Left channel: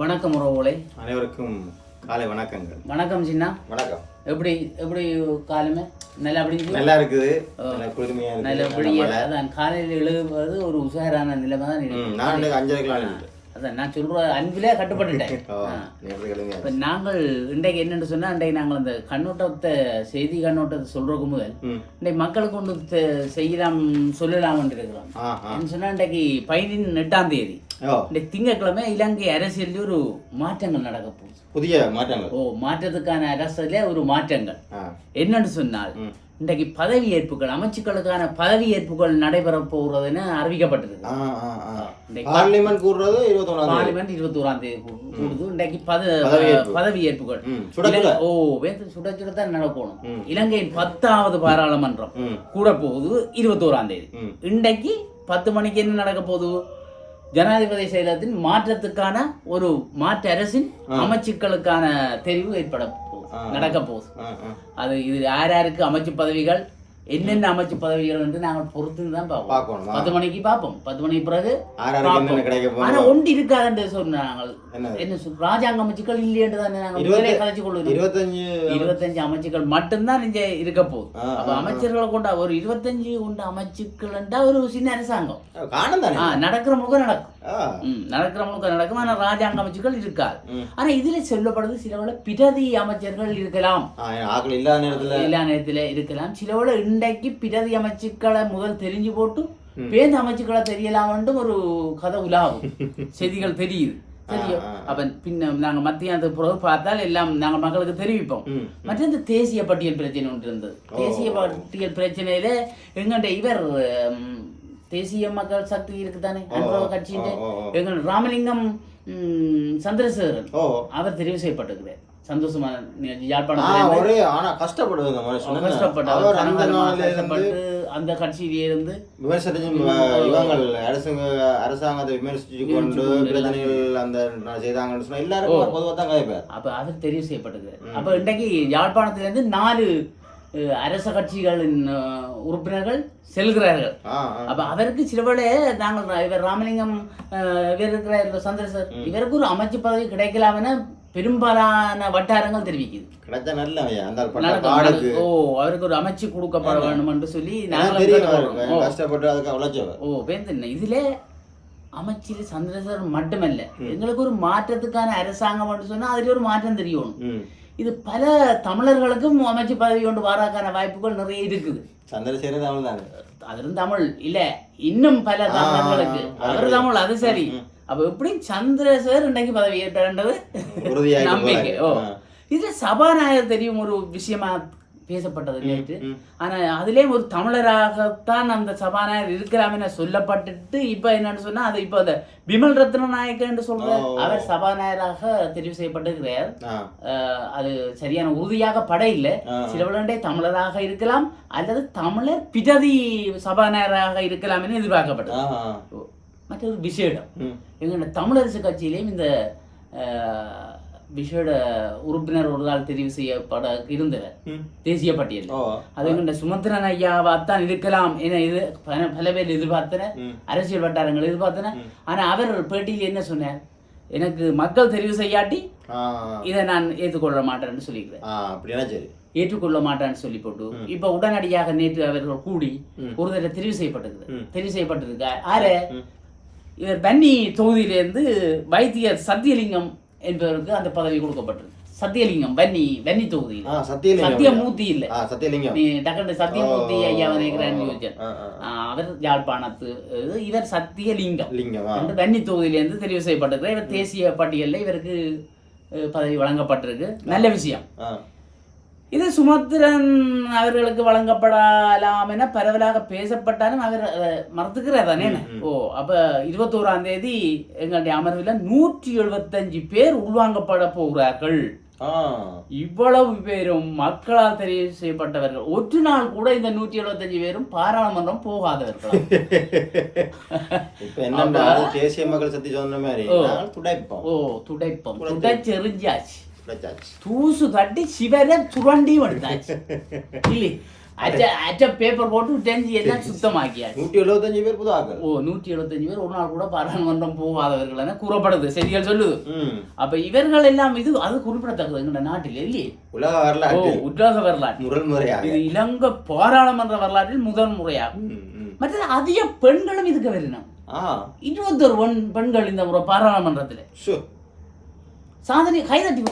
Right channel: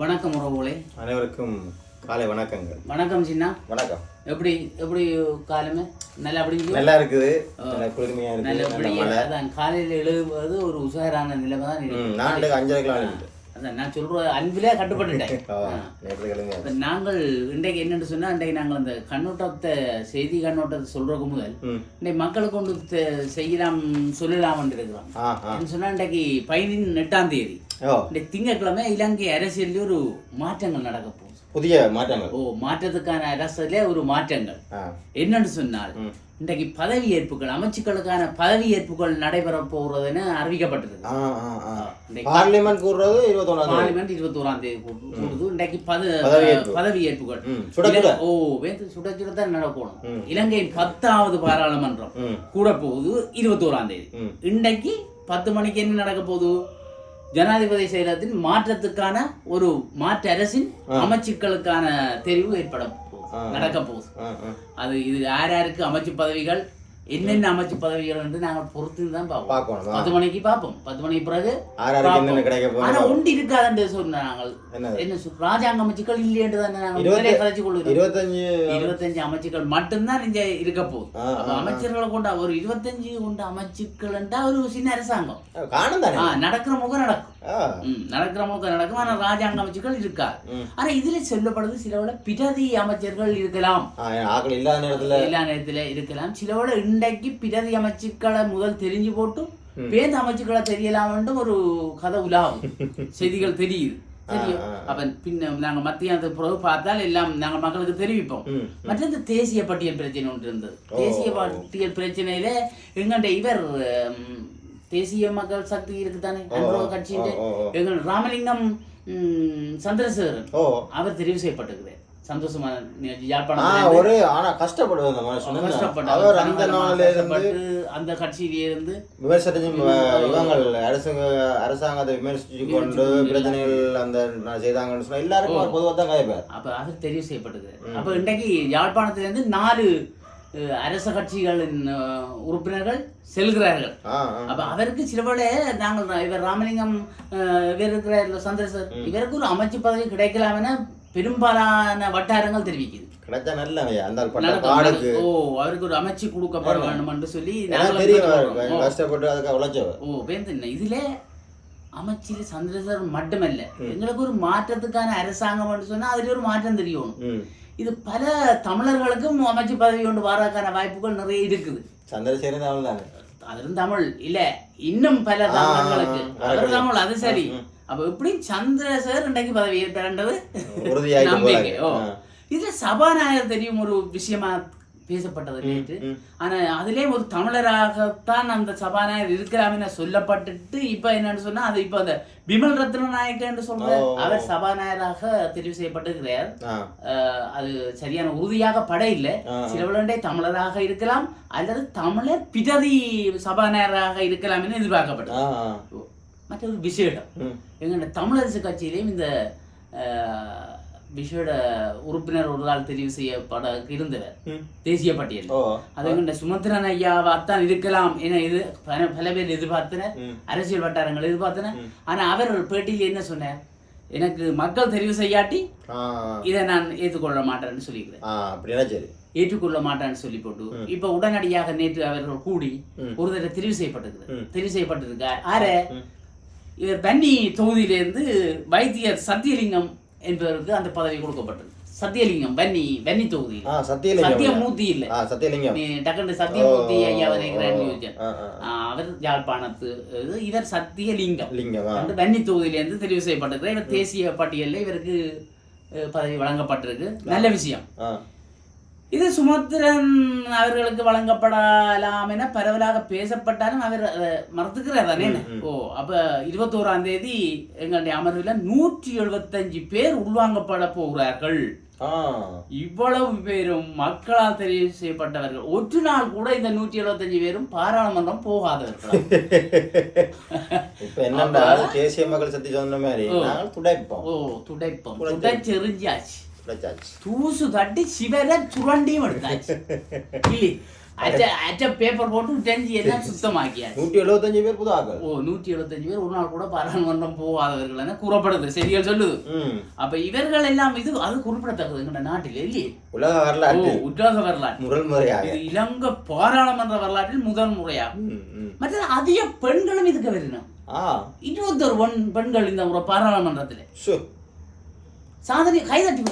வணக்கம் உறவுகளே. அனைவருக்கும் காலை வணக்கங்கள். வணக்கம் சின்னா. வணக்கம். எப்படி எப்படி காலமே? நல்லா அப்படிஞ்சு நல்லா இருக்குது. நல்லா குளிர்மையா நல்ல இருக்குது. நல்ல எப்படி மழை. அதான் காலையில் எழுதுவது ஒரு உஷாரான நிலைமை தான் இருக்கு. நான் அஞ்சரை கிலோ இருக்கு அதான் நான் சொல்ற அன்பிலே கட்டுப்பட்டுட்டேன். நாங்கள் இன்றைக்கு என்னன்னு சொன்னா இன்றைக்கு நாங்கள் அந்த கண்ணோட்டத்தை செய்தி கண்ணோட்டத்தை சொல்றதுக்கு முதல் இன்றைக்கு மக்களுக்கு தெ- செய்யலாம் சொல்லலாம் இருக்கிறோம் சொன்னா இன்றைக்கு பதினெட்டு எட்டாம் தேதி. இன்றைக்கு திங்கட்கிழமை இலங்கை அரசியலில் ஒரு மாற்றங்கள் நடக்க போகுது. புதிய மாற்றங்கள். ஓ மாற்றத்துக்கான அரசியலே ஒரு மாற்றங்கள். என்னன்னு சொன்னால் இன்றைக்கு பதவி ஏற்புகள் அமைச்சுக்களுக்கான பதவி ஏற்புகள் நடைபெற போகிறதுன்னு அறிவிக்கப்பட்டிருக்கு பார்லிமெண்ட் கூறுறது இருபத்தொன்னாம் தேதி. பார்லிமெண்ட் இருபத்தோராம் தேதி கூடுது இன்றைக்கு பத பதவியேற்பு. பதவி ஏற்புகள் ம் சுட சுட. ஓ சுட சுட தான் நடக்கணும். இலங்கையின் பத்தாவது பாராளுமன்றம் கூட போகுது இருபத்தோராம் தேதி. இன்றைக்கு பத்து மணிக்கு என்ன நடக்க போகுது? ஜனாதிபதி செயலகத்தின் மாற்றத்துக்கான ஒரு மாற்று அரசின் அமைச்சுக்களுக்கான தெரிவு ஏற்பட போகுது ஆ. நடக்க போகுது. அது இது யார் யாருக்கு அமைச்சு பதவிகள் என்னென்ன அமைச்சு பதவிகள் வந்து நாங்கள் பொறுத்து தான் பார்ப்போம். பத்து மணிக்கு பார்ப்போம். பத்து மணிக்கு பிறகு ஆறாருக்கு என்னென்ன கிடைக்க ஆனா ஒன்று இருக்காதுன்னு சொன்னாங்க என்னது? என்ன ராஜாங்க அமைச்சுக்கள் இல்லையென்று தானே நாங்கள் கதைச்சு கொள்கிறோம். இருபத்தஞ்சு இருபத்தஞ்சு அமைச்சுக்கள் மட்டும்தான் இங்க இருக்க போகுது. அமைச்சர்களை கொண்ட ஒரு இருபத்தஞ்சு கொண்ட அமைச்சுக்கள்ன்றா ஒரு சின்ன அரசாங்கம். நடக்கிற முகம் நடக்கும். ஆ. ம், நடக்கிற முகம் நடக்கும். ஆனா ராஜாங்க அமைச்சுக்கள் இருக்காது. ம். ஆனா இதுல சொல்லப்படுது சிலவுல பிரதி அமைச்சர்கள் இருக்கலாம். ஆக்கள் இல்லாத நேரத்துல எல்லா நேரத்துல இருக்கலாம். சிலவோட இன்றைக்கு பிரதி அமைச்சுக்களை முதல் தெரிஞ்சு போட்டு ம். பேருந்து அமைச்சுக்களை தெரியலாம்னு ஒரு கதை உலாவும். செய்திகள் தெரியுது. அப்ப பின்ன நாங்க மத்தியானத்துக்கு பிறகு பார்த்தால் எல்லாம் நாங்க மக்களுக்கு தெரிவிப்போம். மற்ற இந்த தேசிய பட்டியல் பிரச்சனை ஒன்று இருந்தது. தேசிய பட்டியல் பிரச்சனையில எங்கண்ட இவர் தேசிய மக்கள் சக்தி இருக்குதானே? அனுபவ கட்சியின். எங்கள் ராமலிங்கம் சந்திரசேகரன் அவர் தெரிவு செய்யப்பட்டிருக்கிறார் சந்தோஷமான ஒரே ஆனா கஷ்டப்படுவது அந்த மனுஷன் என்ன? கஷ்டப்பட்டு அவர் அந்த அவர் நாளில இருந்து கஷ்டப்பட்டு அந்த கட்சியிலே இருந்து விமர்சனம் இவங்கள் அரசாங்க அரசாங்கத்தை விமர்சிச்சு கொண்டு பிரச்சனைகள் அந்த செய்தாங்கன்னு சொன்னா எல்லாருக்கும் பொதுவாக தான் கதைப்பார். அப்ப அவர் தெரிவு செய்யப்பட்டிருக்கிறார் அப்ப இன்றைக்கு யாழ்ப்பாணத்திலிருந்து நாலு அரச கட்சிகளின் உறுப்பினர்கள் செல்கிறார்கள். அப்ப அவருக்கு சிலவேளை நாங்கள் இவர் ராமலிங்கம் இவர் இருக்கிறார் சந்திரசர் இவருக்கு ஒரு அமைச்சு பதவி கிடைக்கலாம் என பெரும்பாலான வட்டாரங்கள் தெரிவிக்குது கிடைச்சா நல்ல ஐயா. அந்த பாடுக்கு. ஓ அவருக்கு ஒரு அமைச்சு கொடுக்கப்பட வேண்டும் என்று சொல்லி. ஓ. கஷ்டப்பட்டு அதுக்கு உழைச்சவர் ஓ வேந்தன் இதுல அமைச்சர் சந்திரசேகரன் மட்டுமல்ல எங்களுக்கு ஒரு மாற்றத்துக்கான அரசாங்கம் சொன்னா அதுல ஒரு மாற்றம் தெரியணும் இது பல தமிழர்களுக்கும் அமைச்சு பதவி கொண்டு வராக்கான வாய்ப்புகள் நிறைய இருக்குது. சந்திரசேகரன் தமிழ் தாங்க அதிலும் தமிழ். இல்ல இன்னும் பல தமிழர்களுக்கு. அவர் தமிழ் அது சரி. அப்ப எப்படி சந்திரசேகர் இன்றைக்கு பதவி ஏற்கிறது உறுதியாகி நம்பிக்கை. ஓ. இது சபாநாயகர் தெரியும் ஒரு விஷயமா பேசப்பட்டது நேற்று. ம். ஆனா அதிலே ஒரு தமிழராகத்தான் அந்த சபாநாயகர் இருக்கிறார் என சொல்லப்பட்டுட்டு இப்ப என்னன்னு சொன்னா அது இப்ப அந்த பிமல் ரத்ன நாயக்க என்று சொல்ற. அவர் சபாநாயகராக தெரிவு செய்யப்பட்டிருக்கிறார் அது சரியான உறுதியாக பட இல்லை ஆ. சிலவளண்டே தமிழராக இருக்கலாம் அல்லது தமிழர் பிரதி சபாநாயகராக இருக்கலாம் என எதிர்பார்க்கப்பட்டது. மற்றொரு விசேடம் ம் எங்களோட தமிழரசு கட்சியிலேயும் இந்த விசேட உறுப்பினர் ஒரு ஆள் தெரிவு செய்யப்பட இருந்தவர். தேசிய பட்டியல். ஓ. அது எங்கள்ட சுமந்திரன் ஐயாவாத்தான் இருக்கலாம் என இது பல- பேர் எதிர்பார்த்தனர் ம். அரசியல் வட்டாரங்கள் எதிர்பார்த்தன. ஆனா அவர் பேட்டியில் என்ன சொன்னார்? எனக்கு மக்கள் தெரிவு செய்யாட்டி இதை நான் ஏற்றுக்கொள்ள மாட்டேன்னு சொல்லிக்கிறேன் சரி. ஏற்றுக்கொள்ள மாட்டேன்னு சொல்லி போட்டு இப்ப உடனடியாக நேற்று அவர்கள் கூடி. ஒரு தடவை தெரிவு செய்யப்பட்டிருக்கு. தெரிவு செய்யப்பட்டிருக்க ஆறு. இவர் பன்னி தொகுதியிலிருந்து வைத்தியர் சத்தியலிங்கம் என்பவருக்கு அந்த பதவி கொடுக்கப்பட்டது. சத்தியலிங்கம் வன்னி வன்னி ஐயா. சத்தியமூர்த்தி இல்ல. சத்தியலிங்கம். நீ டக்குனு சத்தியமூர்த்தி ஐயா நினைக்கிறேன் அவர் யாழ்ப்பாணத்து இவர் சத்தியலிங்கம். லிங்கம் வந்து வன்னி தொகுதியிலிருந்து தெரிவு செய்யப்பட்டிருக்கிறார் இவர் தேசிய பட்டியலில் இவருக்கு பதவி வழங்கப்பட்டிருக்கு. நல்ல விஷயம். இது சுமத்திரன் அவர்களுக்கு வழங்கப்படலாம் என பரவலாக பேசப்பட்டாலும் அவர் அஹ், மறுத்துக்கிறார் தானே ஓ அப்ப இருபத்தோராம் தேதி எங்களுடைய அமர்வில் நூற்றி எழுபத்தஞ்சு பேர் உள்வாங்கப்பட போகிறார்கள். இவ்வளவு பேரும் மக்களால் தெரிவு செய்யப்பட்டவர்கள். ஒரு நாள் கூட இந்த நூற்றி எழுபத்தஞ்சு பேரும் பாராளுமன்றம் போகாதவர்கள்? இப்ப என்னன்னா தேசிய மக்கள் சக்தி சொன்ன மாதிரி துடைப்போம். ஓ துடைப்பம். துடைச்செறிஞ்சாச்சு. தூசு தட்டி சிவரை சுரண்டியும் எடுத்தாச்சு இல்லை அச்ச அச்ச பேப்பர் போட்டு டெஞ்சி எல்லாம் சுத்தமாக்கியாச்சு நூற்றி எழுபத்தஞ்சு பேர் புது ஆக்கள் ஓ நூற்றி எழுபத்தஞ்சு பேர் ஒரு நாள் கூட பாராளுமன்றம் போகாதவர்கள் கூறப்படுது செய்திகள் சொல்லுது அப்ப இவர்கள் எல்லாம் இது அது குறிப்பிடத்தக்கது எங்க நாட்டில் இல்லையே உலக ஓ வரலாற்றில் உற்றாக வரலாறு முதல் முறையாக இது இலங்கை பாராளுமன்ற வரலாற்றில் முதல் முறையாகும். மற்றது அதிக பெண்களும் இதுக்கு வரணும் இருபத்தொரு பெண் பெண்கள் இந்த முறை பாராளுமன்றத்தில் சாதனை கைதட்டி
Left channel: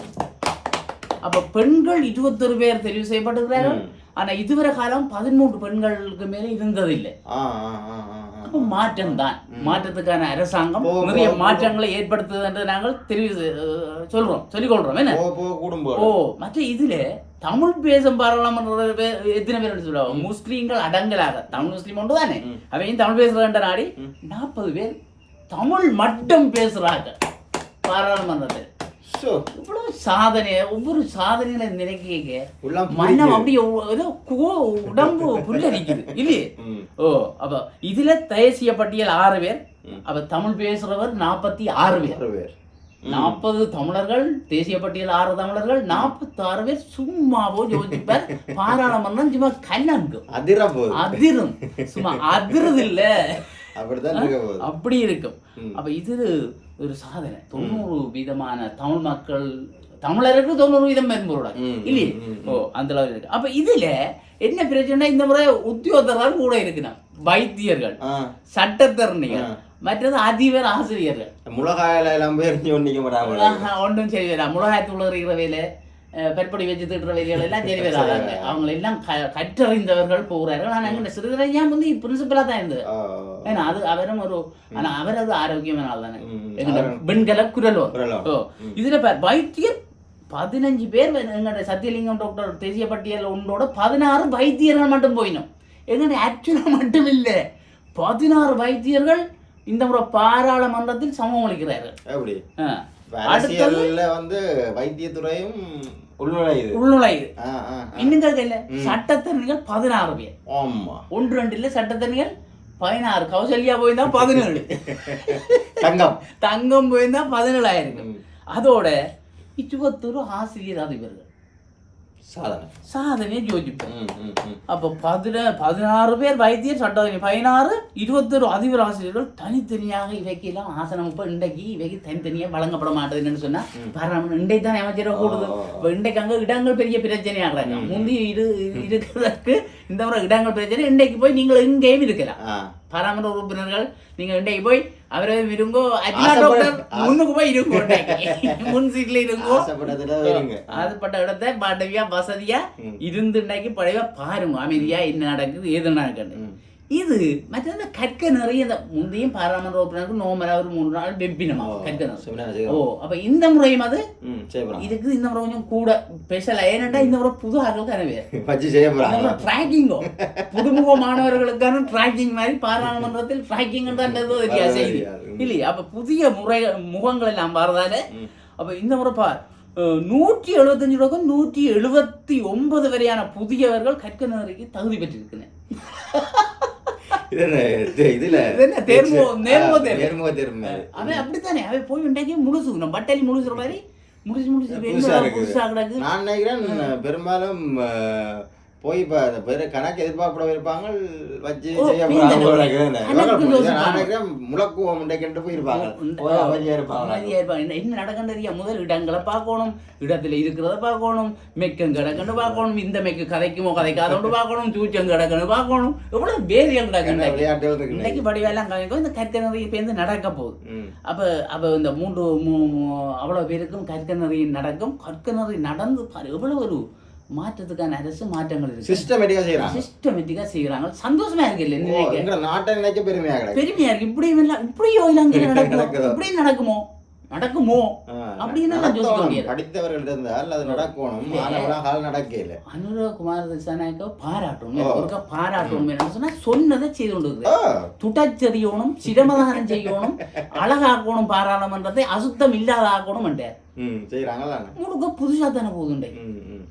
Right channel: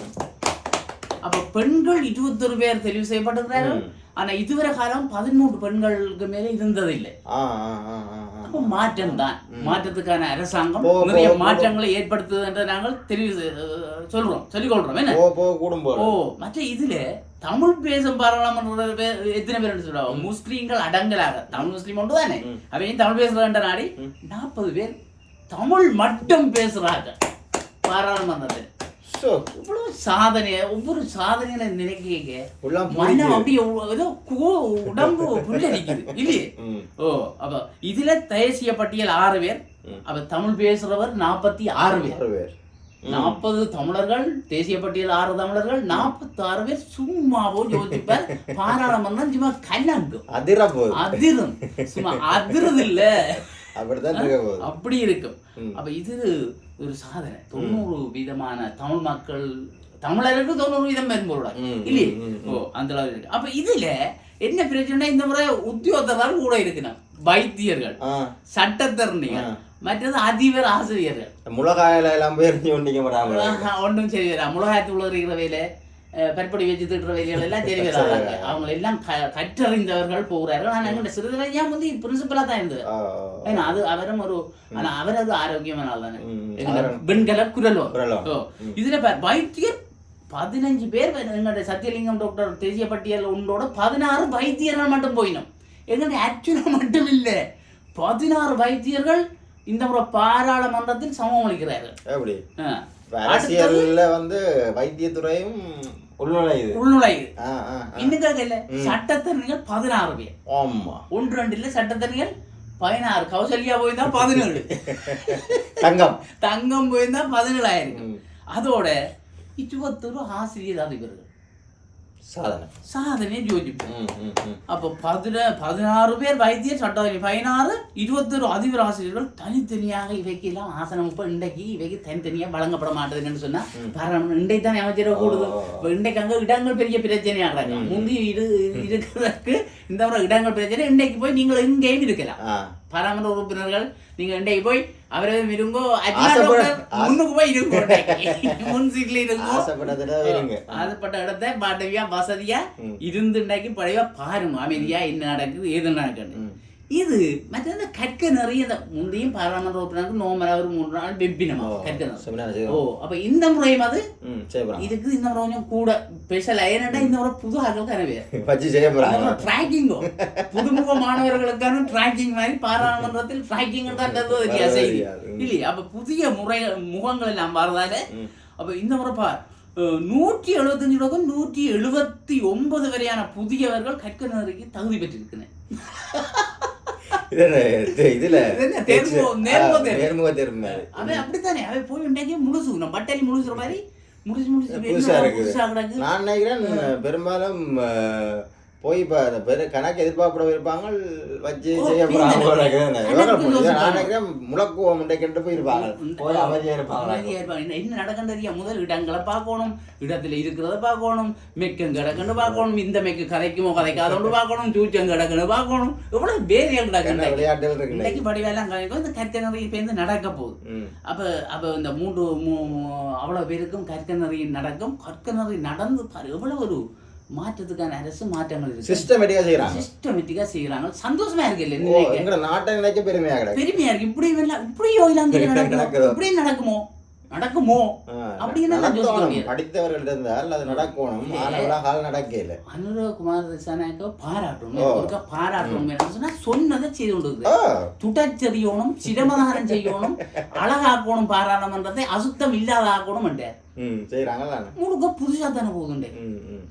அப்ப பெண்கள் இருபத்தொரு பேர் தெரிவு செய்யப்பட்டிருக்கிறார்கள். ம். ஆனா இதுவரை காலம் பதிமூன்று பெண்களுக்கு மேல இருந்ததில்லை. அப்போ மாற்றம் தான் மாற்றத்துக்கான அரசாங்கம் நிறைய. மாற்றங்களை ஏற்படுத்துது என்று நாங்கள் தெரிவு செ- சொல்றோம். சொல்லிக் கொள்றோம் என்ன ஓ மற்ற இதுல தமிழ் பேசும் பாராளுமன்ற பேர் எத்தனை பேர் சொல்லுவாங்க? முஸ்லீம்கள் அடங்கலாக. தமிழ் முஸ்லீம் ஒன்று தானே. அவையும் தமிழ் பேசுறாங்க நாடி? நாற்பது பேர் தமிழ் மட்டும் பேசுறாங்க. பாராளுமன்றத்தில். இவ்வளவு சாதனை ஒவ்வொரு சாதனைகளை நினைக்க உள்ளம் மனம் ஏதோ கோ- உடம்பு புல்லரிக்குது. இல்லையே? ம். ஓ அப்ப இதுல தேசிய பட்டியல் ஆறு பேர். அப்ப தமிழ் பேசுறவர் நாற்பத்தி ஆறு பேர். நாற்பது தமிழர்கள் தேசிய பட்டியல் ஆறு தமிழர்கள் நாற்பத்தி ஆறு பேர் சும்மாவோ யோசிப்பார். பாராளுமன்றம் சும்மா கலங்கும் அதிர அதிரும். சும்மா அதிருது இல்ல போகுது. அப்படி இருக்கும். அப்ப இது ஒரு சாதனை தொண்ணூறு வீதமான தமிழ் மக்கள் தமிழருக்கு தொண்ணூறு வீதம் ம், இல்லையே ஓ அந்த அளவு இருக்கு அப்ப இதுல என்ன பிரச்சனை இந்த முறை உத்தியோகத்தர்கள் கூட இருக்கணும் வைத்தியர்கள் சட்டத்தரணிகள் மற்றது அதிபர் ஆசிரியர்கள் முளகாயில எல்லாம் போய் ஒன்றும் வரா முளகாயத்தில் இருக்கிற வேலை பற்படி வச்சு திட்டுற வேலைகள் எல்லாம் சரி வராங்க. அவங்க எல்லாம் கற்றறிந்தவர்கள் போகிறார்கள் ஆனால் எங்கிட்ட சிறுகரையா வந்து பிரின்சிபலாக தான் இருந்தது? ஏன்னா அது அவரும் ஒரு ஆனா அவர் அது ஆரோக்கியமான ஆள் தானே. வெண்கல குரலோ இதுல வைத்தியர் பதினஞ்சு பேர் எங்களுடைய சத்தியலிங்கம் டாக்டர் தேசிய பட்டியல் ஒன்றோட பதினாறு வைத்தியர்கள் மட்டும் போயினோம். எங்களுடைய அர்ச்சனை மட்டும் இல்லை. பதினாறு வைத்தியர்கள் இந்த முறை பாராளுமன்றத்தில் சமம் அளிக்கிறார்கள் அரசியல்ல வந்து வைத்தியத்துறையும் உள்நுழையுது. உள்நுழையுது. இன்னும் இல்ல சட்டத்தரணிகள் பதினாறு பேர். ஆமா. ஒன்று ரெண்டு இல்ல சட்டத்தரணிகள் பதினாறு கௌசல்யா போயிருந்தா பதினேழு. தங்கம். தங்கம் போயிருந்தா பதினேழாயிரம். அதோட இருபத்தொரு ஆசிரியர் அதிபர்கள் சாதனை. சாதனை யோசிப்போம். அப்போ பதின பதினாறு பேர் வைத்தியர் சட்டத்தரணி பதினாறு இருபத்தொரு அதிபர் ஆசிரியர்கள் தனித்தனியாக இவைக்கு எல்லாம் ஆசனம். இப்போ இன்றைக்கு இவைக்கு தனித்தனியாக வழங்கப்பட மாட்டேதுன்னு சொன்னா பாராளுமன்றம் இன்றைக்கு தான் அமைச்சரை கூடுது. இப்போ இன்றைக்கு அங்கே இடங்கள் பெரிய பிரச்சனையாகிறாங்க முந்தி இரு இருக்கிறதுக்கு இந்த முறை இடங்கள் பிரச்சனை இன்றைக்கு போய் நீங்கள் எங்கேயும் இருக்கலாம். பாராளுமன்ற உறுப்பினர்கள் நீங்க இன்றைக்கு போய் அவரை விரும்போ முன்னுக்கு போய் இருங்கோ. முன் சீட்ல இருங்கோ ஆசைப்பட்ட இடத்த பாடவியா வசதியா ம். இருந்து இன்றைக்கு பழைய பாருங்க அமைதியா என்ன நடக்குது ஏது நடக்குது. இது மற்றது கற்க நிறைய இந்த முந்தையும் பாராளுமன்ற உறுப்பினருக்கு நோமரா ஒரு மூன்று நாள் வெப்பினமா கற்க ஓ அப்ப இந்த முறையும் அது? இதுக்கு இந்த முறை கொஞ்சம் கூட ஸ்பெஷல் ஏனண்டா இந்த முறை புது ஆக்கள் தானே ட்ராக்கிங்கோ புதுமுக மாணவர்களுக்கான ட்ராக்கிங் மாதிரி பாராளுமன்றத்தில் ட்ராக்கிங் தான் வித்தியாசம். இல்லையா? அப்ப புதிய முறை முகங்கள் எல்லாம் வரதால. அப்ப இந்த முறை பார் நூற்றி எழுபத்தஞ்சு ரூபாய்க்கும் நூற்றி எழுபத்தி ஒன்பது வரையான புதியவர்கள் கற்க நகருக்கு தகுதி பெற்றிருக்கிறேன் இதுல நேர்முக தேர்வு. அவன் அப்படித்தானே அவன் போய் இன்றைக்கு முழுசு நம்ம பட்டாளி முழுசுற மாதிரி முடிச்சு முடிச்சு புதுசா இருக்குது. நான் நினைக்கிறேன் பெரும்பாலும் போய் இப்ப அந்த பேரு கணக்கு எதிர்பார்ப்பட இருப்பாங்க வச்சு செய்ய நினைக்கிறேன் முழக்குவோம் முண்டைக்கிட்டு போயிருப்பாங்க. என்ன தெரியும் முதல் இடங்களை பார்க்கணும் இடத்துல இருக்கிறத பார்க்கணும் மெக்கம் கிடக்குன்னு பார்க்கணும் இந்த மெக்கு கதைக்குமோ கதைக்காதோண்டு பார்க்கணும் தூச்சம் கிடக்குன்னு பார்க்கணும். எவ்வளவு வேரியல் நடக்குது. விளையாட்டுகள் இருக்கு இன்னைக்கு? படிவெல்லாம் கதைக்கும் இந்த கற்க நிறைய பேருந்து நடக்க போகுது. அப்ப அப்ப இந்த மூன்று அவ்வளவு பேருக்கும் கற்க நிறைய நடக்கும். கற்க நிறைய நடந்து பாரு எவ்வளவு ஒரு மாற்றத்துக்கான அரசு மாற்றங்கள் இருக்கு. சிஸ்டமேட்டிக்கா செய்யறாங்க சிஸ்டமேட்டிக்கா செய்யறாங்க சந்தோஷமா இருக்கு இல்ல? எங்க நாட்டை நினைக்க பெருமையா கிடக்கு. பெருமையா இருக்கு. இப்படி எல்லாம் இப்படியோ இலங்கை நடக்கும்? இப்படி நடக்குமோ? நடக்குமோ? அப்படின்னு. படித்தவர்கள் இருந்தால் அது நடக்கணும். ஆனா உலகால் நடக்கல அனுரகுமார் திசாநாயக்க பாராட்டணும். பாராட்டணும் சொன்னா சொன்னதை செய்து கொண்டு. துடச்செறியணும் சிரமதானம் செய்யணும் அழகாக்கணும் பாராளுமன்றத்தை அசுத்தம் இல்லாத ஆக்கணும் என்றார். செய்யறாங்கல்ல முழுக்க புதுசா தானே போகுதுண்டே.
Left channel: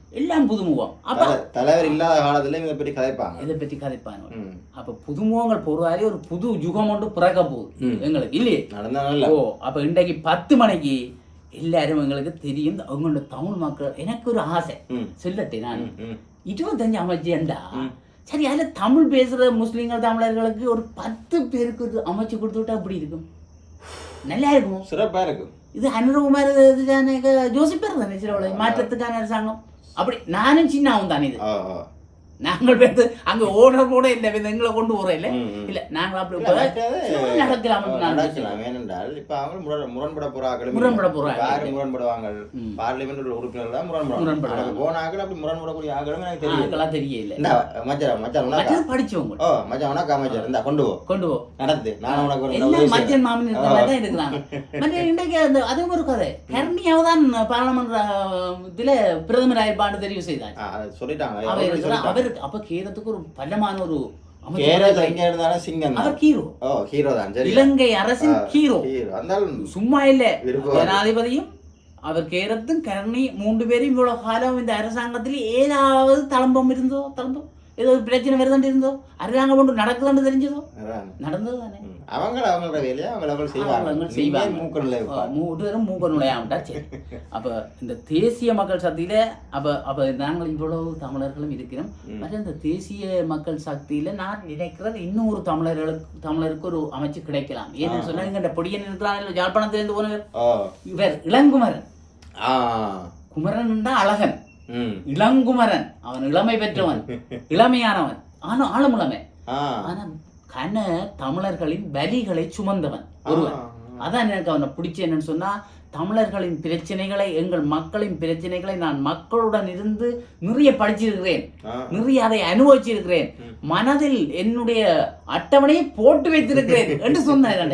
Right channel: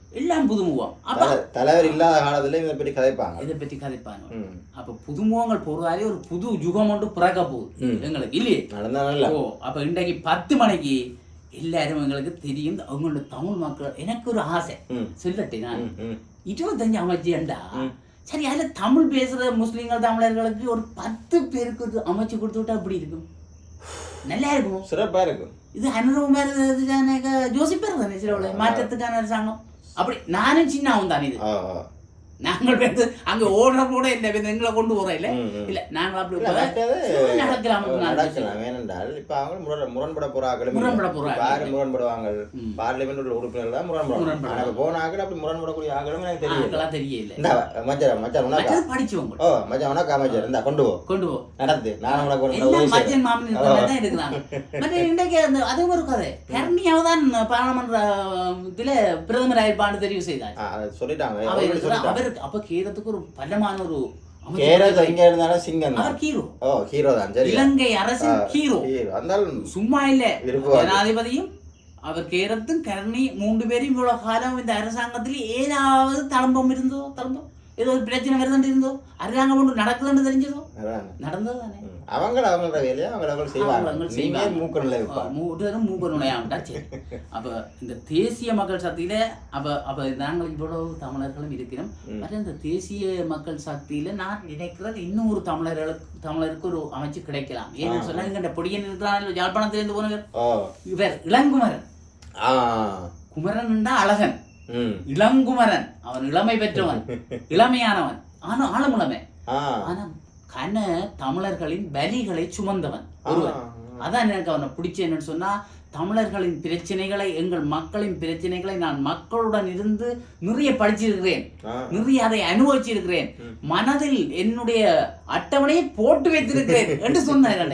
எல்லாம் புதுமுகம். அப்ப தல- தலைவர் இல்லாத காலத்துல இதை பற்றி கதைப்பாங்க. இதை பற்றி கதைப்பாங்க. அப்ப புதுமுகங்கள் பொறுவாரே ஒரு புது யுகம் ஒன்று பிறக்க போகுது. எங்களுக்கு இல்லையே? நடந்தா நல்ல ஓ அப்ப இன்றைக்கு பத்து மணிக்கு எல்லாரும் எங்களுக்கு தெரியும். அவங்களோட தமிழ் மக்கள் எனக்கு ஒரு ஆசை. சொல்லட்டே நான். இருபத்தஞ்சு அமைச்சியண்டா. சரி அதுல தமிழ் பேசுற முஸ்லீம்கள் தமிழர்களுக்கு ஒரு பத்து பேருக்கு ஒரு அமைச்சு கொடுத்து விட்டா எப்படி இருக்கும்? நல்லா இருக்கும் சிறப்பா இருக்கும் இது அனுரகுமார் யோசிப்பார் தானே சில மாற்றத்துக்கான அரசாங்கம் அப்படி நானும் சின்னாவும் தானே இது. நாங்கள் வந்து அங்க ஓடுற கூட இல்லை எங்களை கொண்டு போறோம் இல்ல. இல்ல நாங்கள் அப்படி நடக்கலாம் நான் நடக்கலாம். ஏனென்றால் இப்ப அவங்க முரண் முரண்பட போற ஆக்களும் முரண்பட இல்லை. போற இப்ப யாரு முரண்படுவாங்க ம். பார்லிமெண்ட் உள்ள உறுப்பினர்கள் தான் முரண்படுவாங்க. முரண்படுவாங்க. ஆனா இப்ப போன ஆக்கள் அப்படி முரண்படக்கூடிய ஆக்களும் எனக்கு தெரியல. தெரியல. இந்த மச்சான் மச்சான் உனக்கா? படிச்சவங்க. ஓ மச்சான் உனக்கா மச்சான்? இந்த கொண்டு போ. கொண்டு போ. நடத்து நானும் உனக்கு ஒரு. மச்சன் மாமன் தான் இருக்கிறாங்க மற்ற இன்றைக்கு அந்த அதுவும் ஒரு கதை. கர்ணியாவ தான் பாராளுமன்ற இதுல பிரதமர் ஆயிருப்பான்னு தெரிவு செய்தார். அதை சொல்லிட்டாங்க? அவர் அப்ப கேரத்துக்கு ஒரு பலமான ஒரு அமைச்சர் கேரள எங்க இருந்தாலும் சிங்கம் அவர் ஹீரோ. ஓ ஹீரோ தான். சரி இலங்கை அரசின் ஹீரோ. ஹீரோ. அந்தாலும் சும்மா இல்ல. ஜனாதிபதியும் அவர் கேரத்தும் கருணி மூன்று பேரும் இவ்வளவு காலம் இந்த அரசாங்கத்தில் ஏதாவது தளம்பம் இருந்தோ தளம்பம்? ஏதோ ஒரு பிரச்சனை வருதுன்னு இருந்தோ அரசாங்கம் ஒன்று நடக்குதுன்னு தெரிஞ்சதோ. நடந்தது தானே. அவங்க அவங்களோட வேலையை? அவங்க அவங்க செய்வாங்க. செய்வாங்க. மூக்கணுல இருப்பாங்க மூட்டரும் மூக்க நுழையாமட்டா சரி. அப்ப இந்த தேசிய மக்கள் சக்தியில அப்ப அப்ப நாங்கள் இவ்வளவு தமிழர்களும் இருக்கிறோம். மற்ற இந்த தேசிய மக்கள் சக்தியில நான் நினைக்கிறது இன்னும் ஒரு தமிழர்களுக்கு தமிழருக்கு ஒரு அமைச்சு கிடைக்கலாம். ஏன்னு சொன்னா இங்க இந்த பொடியன் இருக்கிறான் யாழ்ப்பாணத்திலிருந்து போனவர். இவர் இளங்குமரன். குமரன் அழகன். இளங்குமரன். அவன் இளமை பெற்றவன். இளமையானவன். ஆனா ஆழமுளமை ஆனா கன தமிழர்களின் வலிகளை சுமந்தவன் ஒருவன். அதான் எனக்கு அவனை பிடிச்ச என்னன்னு சொன்னா தமிழர்களின் பிரச்சனைகளை எங்கள் மக்களின் பிரச்சனைகளை நான் மக்களுடன் இருந்து நிறைய படிச்சிருக்கிறேன். நிறைய அதை அனுபவிச்சிருக்கிறேன். மனதில் என்னுடைய அட்டவணையை போட்டு வைத்திருக்கிறேன் என்று சொன்னார்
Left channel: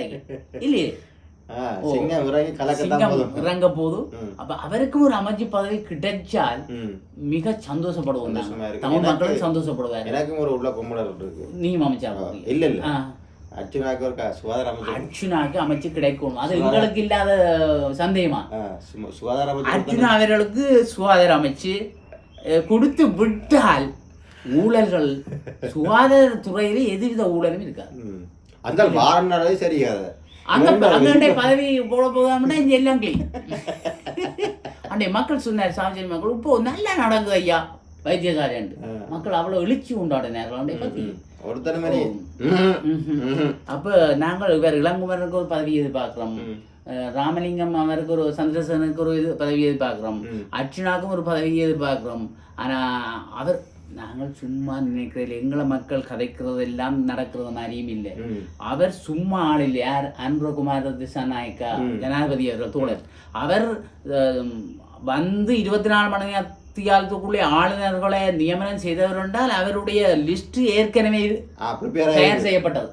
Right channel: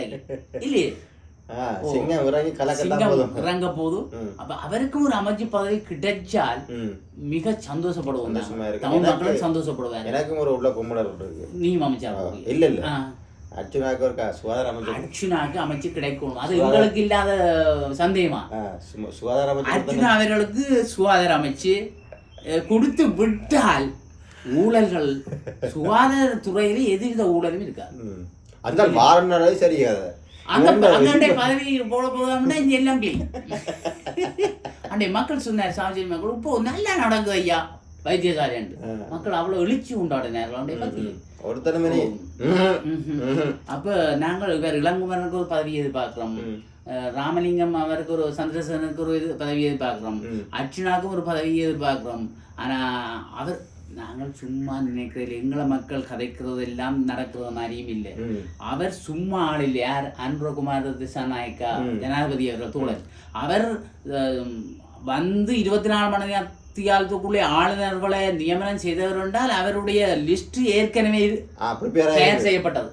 இல்லையே? சிங்கம் இறங்கி கலக்கத்தான் சிங்கம் போதும். இறங்க. அப்ப அவருக்கும் ஒரு அமைச்சு பதவி கிடைச்சால். மிக சந்தோஷப்படுவோம். தமிழ் மக்களும் சந்தோஷப்படுவார். எனக்கும் ஒரு உள்ள கும்பலர் இருக்கு. நீயும் அமைச்சா ஆ, இல்ல இல்ல. அர்ச்சுனாக்கு ஒரு சுகாதார அமைச்சர் அர்ச்சுனாக்கு அமைச்சு கிடைக்கும் அது எங்களுக்கு இல்லாத சந்தேகமா? சுகாதார அமைச்சர் அர்ச்சுனா அவர்களுக்கு சுகாதார அமைச்சு கொடுத்து விட்டால் ஊழல்கள் சுகாதார துறையில எதுவித ஊழலும் இருக்காது. அந்த வாரனாலே சரியாது. அந்த பதவி போட போதாங்கன்னா இங்க எல்லாம் அண்டே மக்கள் சொன்னார் சாமிஜி மக்கள் இப்போ நல்லா நடக்குது ஐயா. வைத்தியசாலை மக்கள் அவ்வளவு எழுச்சி உண்டாடினார்கள். அப்ப நாங்கள் இவர் இளங்குமரனுக்கு ஒரு பதவி எதிர்பார்க்கிறோம். ராமலிங்கம் அவருக்கு ஒரு சந்திரசேனனுக்கு ஒரு இது பதவி எதிர்பார்க்கிறோம். ம். அர்ச்சுனாக்கும் ஒரு பதவி எதிர்பார்க்கிறோம். ஆனா அவர் நாங்கள் சும்மா நினைக்கிறது எங்களை மக்கள் கதைக்கிறது எல்லாம் நடக்கிறது மாதிரியும் இல்லை அவர் சும்மா ஆள் இல்லை யார்? அன்பகுமார் திசாநாயக்கா ஜனாதிபதி அவர்கள் தோழர். அவர் வந்து இருபத்தி நாலு மணி நேரத்துக்குள்ளே ஆளுநர்களை நியமனம் செய்தவர் என்றால் அவருடைய லிஸ்ட் ஏற்கனவே தயார் செய்யப்பட்டது.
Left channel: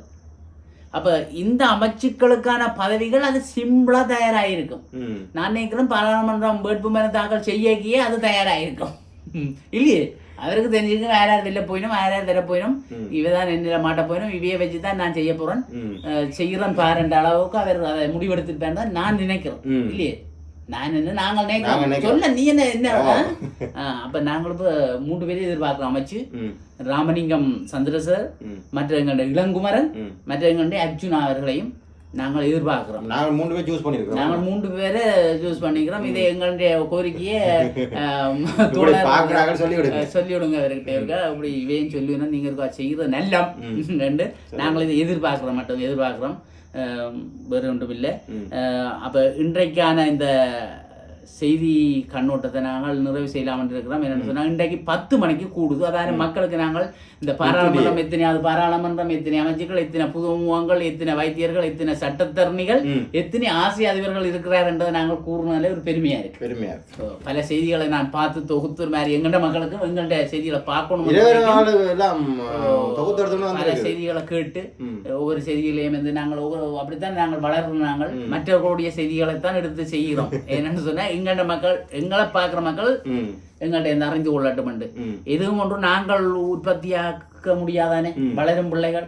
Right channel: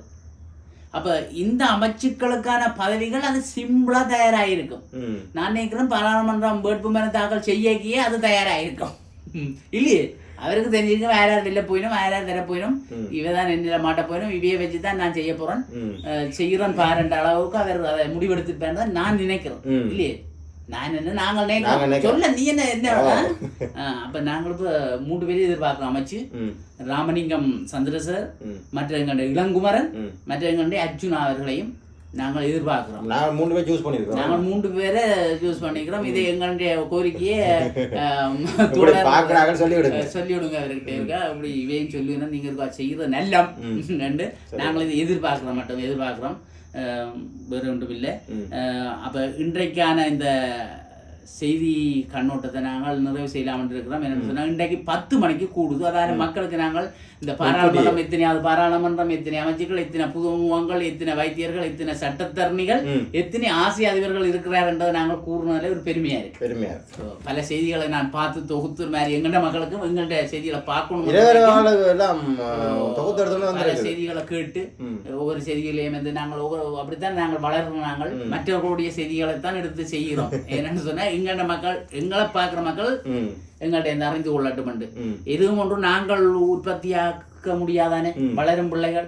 அப்ப இந்த அமைச்சுக்களுக்கான பதவிகள் அது சிம்பிளா தயாராயிருக்கும். நான் நினைக்கிறேன் பாராளுமன்றம் வேட்புமனு தாக்கல் செய்யக்கியே அது தயாராயிருக்கும். இல்லையே? அவருக்கு தெரிஞ்சிருக்கும் வேற யார் வெளில போயிடும் வேற யார் தர போயிடும் ம். இவதான் என்னில மாட்ட போயிடும் இவைய வச்சு தான் நான் செய்ய போறேன். செய்யறேன் பாருன்ற அளவுக்கு அவர் அதை முடிவெடுத்துட்டார் தான் நான் நினைக்கிறேன். இல்லையே? நான் என்ன நாங்கள் நாங்க நினைக்கிறோம். சொல்ல நீ என்ன என்ன அப்ப நாங்கள் இப்ப மூன்று பேரும் எதிர்பார்க்கிறோம். அமைச்சு ராமலிங்கம் சந்திரசர் மற்ற எங்களுடைய இளங்குமரன் மற்ற எங்களுடைய அர்ஜுனா அவர்களையும் நாங்கள் எதிர்பார்க்கிறோம். நாங்கள் மூணு பேர் சூஸ் பண்ணியிருக்கோம் நாங்கள் மூன்று பேரை சூஸ் பண்ணிக்கிறோம். இது எங்களுடைய கோரிக்கையை ஆம், இப்படி தோழர் பார்க்குறாங்க சொல்லி விடுங்க அவர்கிட்ட அப்படி இவையும் சொல்லிடணும் நீங்க இருக்கா செய்யறது நல்லம். ரெண்டு. நாங்கள் இதை எதிர்பார்க்கிறோம் மட்டும் எதிர்பார்க்கிறோம். வேறு ஒன்றும் இல்லை. அப்ப இன்றைக்கான இந்த செய்தி கண்ணோட்டத்தை நாங்கள் நிறைவு செய்யலாம் என்று இருக்கிறோம். என்னன்னு சொன்னா இன்றைக்கு பத்து மணிக்கு கூடுது. அதாவது மக்களுக்கு நாங்கள் இந்த பாராளுமன்றம் எத்தனையாவது பாராளுமன்றம் எத்தனை அமைச்சர்கள் எத்தனை புதுமுகங்கள் எத்தனை வைத்தியர்கள் எத்தனை சட்டத்தரணிகள் எத்தனை ஆசிய அதிபர்கள் இருக்கிறார் என்றதை நாங்கள் கூறினாலே ஒரு பெருமையா இருக்கு. பெருமையா பல செய்திகளை நான் பார்த்து தொகுத்து மாதிரி எங்கள்ட மக்களுக்கும் எங்கள்ட செய்திகளை பார்க்கணும் பல செய்திகளை கேட்டு ஒவ்வொரு செய்திகளையும் வந்து நாங்கள் அப்படித்தான் நாங்கள் வளர்றோம் நாங்கள். மற்றவர்களுடைய செய்திகளை தான் எடுத்து செய்கிறோம். என்னன்னு சொன்னா எங்கள்ட மக்கள் எங்களை பார்க்குற மக்கள் ம். எங்கள்ட்ட இந்த அறிந்து கொள்ளட்டும் எதுவும் ஒன்றும் நாங்கள் உற்பத்தியாக்க முடியாதானே? வளரும் பிள்ளைகள்.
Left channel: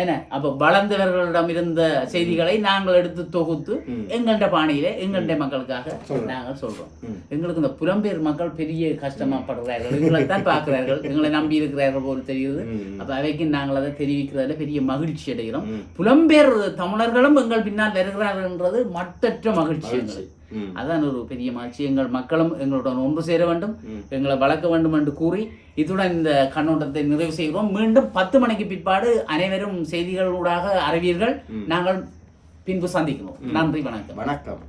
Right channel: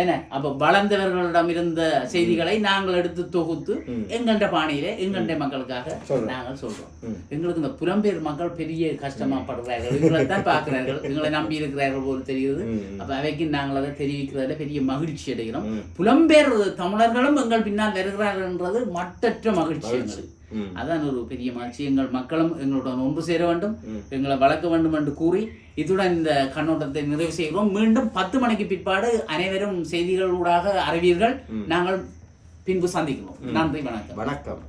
என்ன? அப்ப வளர்ந்தவர்களிடம் இருந்த செய்திகளை நாங்கள் எடுத்து தொகுத்து. எங்கள்ட பாணியில எங்கள்ட மக்களுக்காக. நாங்கள் சொல்றோம். எங்களுக்கு இந்த புலம்பெயர் மக்கள் பெரிய கஷ்டமா படுறார்கள் எங்களை தான் பார்க்கிறார்கள். எங்களை நம்பி இருக்கிறார்கள் போல் தெரியுது அப்ப அவைக்கு நாங்கள் அதை தெரிவிக்கிறதுல பெரிய மகிழ்ச்சி அடைகிறோம். புலம்பெயர் தமிழர்களும் எங்கள் பின்னால் வருகிறார்கள் என்றது மட்டற்ற மகிழ்ச்சி. எங்களுக்கு. அதான் ஒரு பெரிய மகிழ்ச்சி. எங்கள் மக்களும் எங்களுடன் ஒன்று சேர வேண்டும். எங்களை வளர்க்க வேண்டும் என்று கூறி இத்துடன் இந்த கண்ணோட்டத்தை நிறைவு செய்கிறோம். மீண்டும் பத்து மணிக்கு பிற்பாடு அனைவரும் செய்திகளூடாக அறிவீர்கள். நாங்கள் பின்பு சந்திக்கிறோம் நன்றி வணக்கம். வணக்கம்.